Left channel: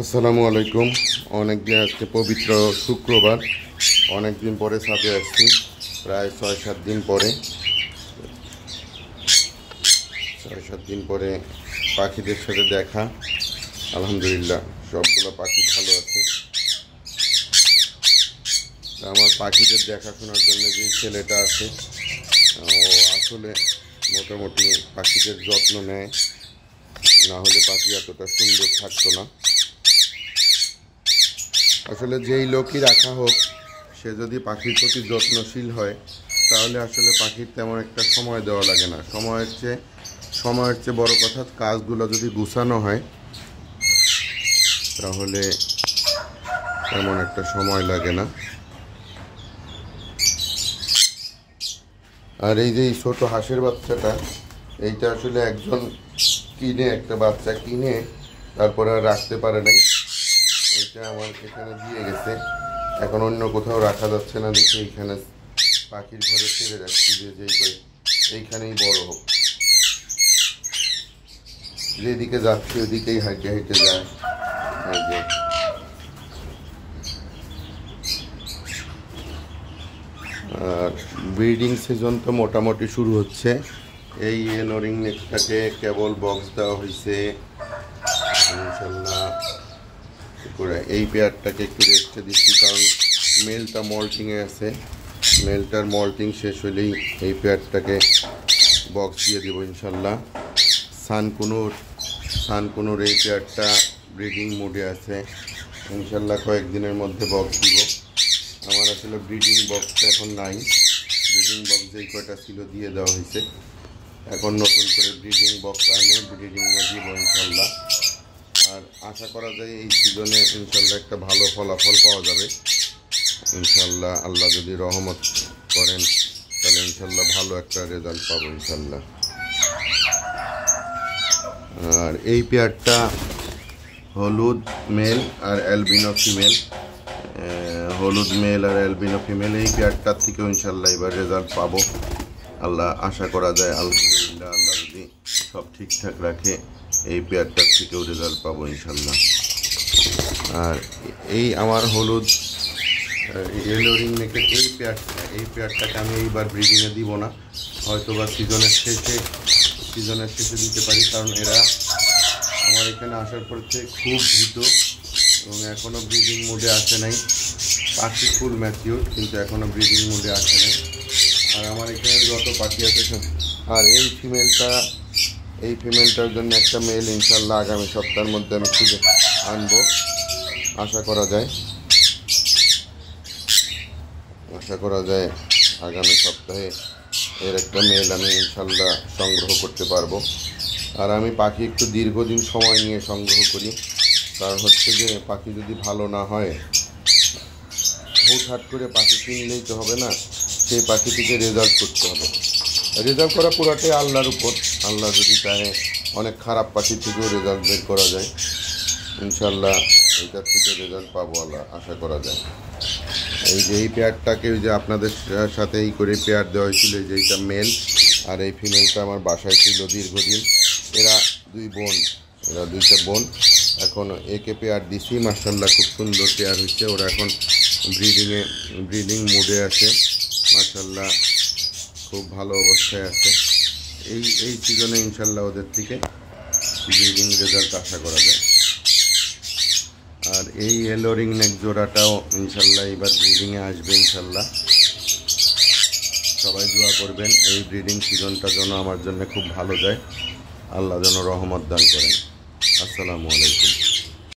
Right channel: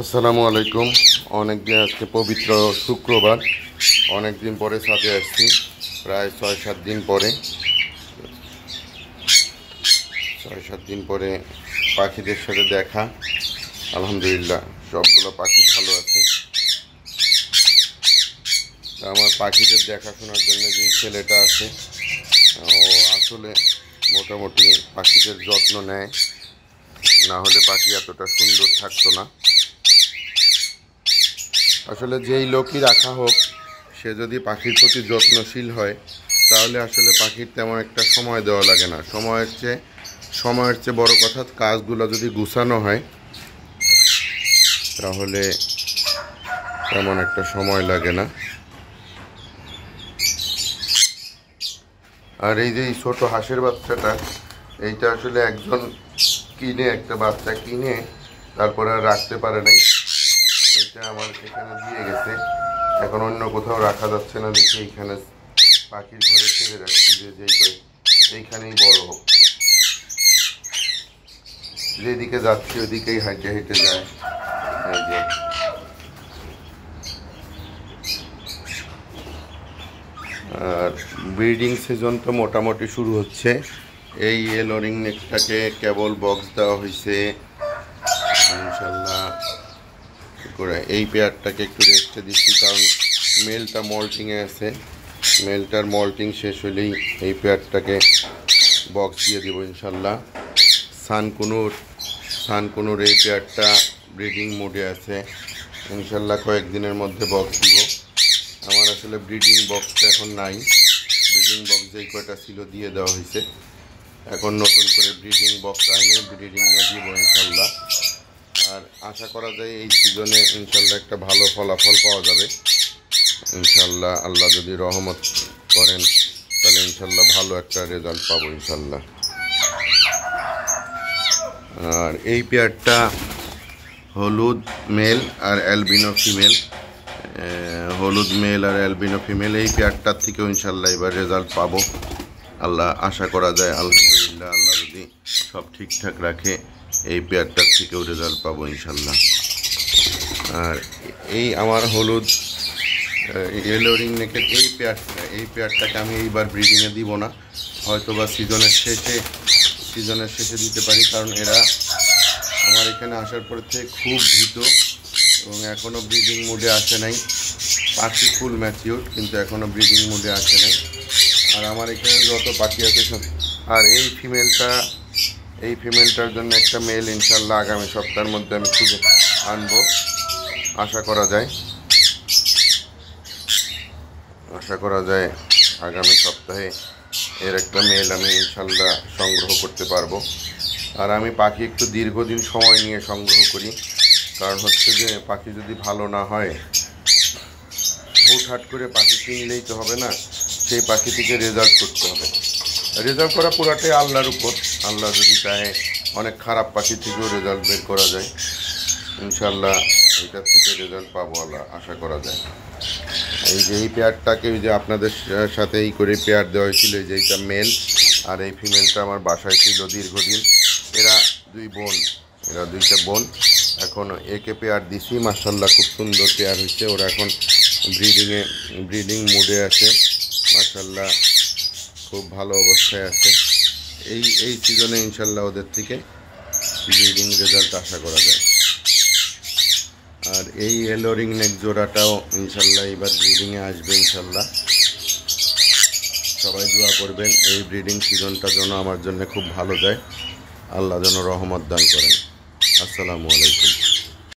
আসসালামু আলাইকুম। অনেক দিন আজকে পবিত্র শুক্রবার, অনেক দিন পরে ছাদে আসছি, প্রায় ৬-৭ দিন পরে। ৬-৭ দিন পরে পাখিদের সাথে দেখা। আলহামদুলিল্লাহ সবগুলো পাখি ভালো আছে। আমার পাখিদের দেখাশোনার জন্য যে ছেলেটা আছে, ও আসলে মোটামুটি পাখিদের যত্ন নেয়, না হলে পাখি এতটা সুন্দর থাকতো না। আসলে যেই লোকই রাখা হোক, সে যদি পাখির প্রতি যত্নশীল হয়, তাহলে আসলে পাখির তেমন একটা সময় দেওয়া লাগে না। সময়ের চেয়ে বড় কথা, কাজগুলো যদি গুছানো হয় তাহলে তেমন একটা সময় লাগে না। আর এই যে ছোট হাঁসের বাচ্চাটা, এইটা আসলে একজন একটা বাচ্চা কিনে তারপরে আর রাখতে পারে নাই। এটা আমার এখানে দিয়ে গেছে, এখন অন্য কোথাও রাখা যাচ্ছে না দেখে এইখানে পাখির ঘরে ছেড়ে রাখছি, যে এইখানেই বড় হোক। যেদিকে যাচ্ছি ওদিকেই হাঁটে হেঁটে যায়। এই যে আর ব্রিডিং সিজন তো মোটামুটি শুরু হচ্ছে। এই এলোরিং নেকটাকে কেবল বক্স দেওয়া হয়েছে ইনশাল্লাহ। এই পেয়ারটাকে একটু রেস্টে দিচ্ছি, কারণ মেলটা মল্টিংয়ে আছে। মেলটার মল্টিং শেষ হলেই এই পেয়ারটাকে বক্স দিয়ে দেবো ইনশাল্লাহ। সানকুনুর এই পেয়ারটা ব্রিডিং মোডে আছে, ইনশাল্লাহ কয়েকদিনের মধ্যে বক্স দিব। আমার আসলে ব্রিডিং বক্সটা এখন নাই, ব্রিডিং বক্স যেই কয়টা ছিল দিয়ে দেওয়া হয়েছে। এখন নতুন করে ব্রিডিং বক্স আইনে ব্রিডিংয়ে দিব ইনশাল্লাহ। আর আশা করা যায় এই সিজনে ইনশাল্লাহ একটা ভালো ফলাফল পাওয়া যাবে ইনশাল্লাহ। আল্লাহ যদি রহমত করেন তাহলে ইনশাল্লাহ ভালো একটা রেজাল্ট পাবো ইনশাল্লাহ। আর এই পেয়ারটা হলুদ মেল আর অ্যালবিনো ফিমেল, হলুদ মেল আর অ্যালবিনো ফিমেল। এই পেয়ারটার থেকেও ইনশাল্লাহ এবার রেজাল্ট পাবো আল্লাহ আশা করা যায়। আলহামদুলিল্লাহ আল্লাহ যদি সব ঠিকঠাক রাখে এই পেয়ারটার থেকেও রেজাল্ট পাবো ইনশাল্লাহ। আর এই আমার হলুদ এলোরিং নেকের এই পেয়ারটাকে আমি এইবার ব্রিডিংয়ে দিব না, হয়তো বা সিজনের শেষে দিতে পারি, কারণ এরা আমার এখানে আসার পর থেকে খুব ভীত এবং এখনও ব্রিডিং মোডে আসে নাই। পাখি ফুল ম্যাচিউর, কিন্তু এখনও ব্রিডিং মোডে আসে নাই। আর আমার এখানে যত পাখি আছে সব। আর এই ফিমেলটার জন্য একটা মেল ইনশাল্লাহ আগামী সপ্তাহের মধ্যে আমি খুঁজে আনবো, আশা করা যায় আগামী সপ্তাহে এর একটা মেল আমি ইনশাল্লাহ সংগ্রহ করতে পারবো। আর আমি পাখি একটু দীর্ঘদিন সময় নিয়ে সংগ্রহ করি, কারণ হচ্ছে যে পাখি যদি ভালো না হয়, হুটহাট করে পাখি কিনলেই তো হবে না, সেই পাখি থেকে রেজাল্ট করতে হবে। রেজাল্ট করা পুরাটাই আল্লাহর উপর। আল্লাহ যদি চায় অনেক খারাপ পাখি থেকেও রেজাল্ট বের করা যায় ইনশাল্লাহ। এইটার থেকে রেজাল্ট পাবো আল্লাহ আশা করা যায়। এই পেয়ারটাকে যে আপনাদের সাথে এই করে পেয়ার দেওয়া হয়েছিল, যে এইটা মেল আর এই ফিমেলটা আমার বাসায় ছিল দীর্ঘদিন। এরা দুইটা বোন। এখন একে পেয়ার দিছি, মাশাআল্লাহ খুব সুন্দর পেয়ার হয়েছে। ওরা এখন ব্রিডিং মোডে আছে, মাশাআল্লাহ খুব ভালো অবস্থায় আছে। এই সিজনে ইনশাল্লাহ ওদের থেকে ব্রিডিং রেজাল্ট আশা করা যায়। আর এই এলোরিং নেক জোড়াটাও ইনশাল্লাহ এবার ব্রিডিংয়ে আসবে ইনশাল্লাহ। সবাই দোয়া করবেন এই ব্রিডিং সিজনটা যেন আমার জন্য খুব ভালো যায়, আল্লাহ যেন রহমত দান করেন। আসসালামু আলাইকুম।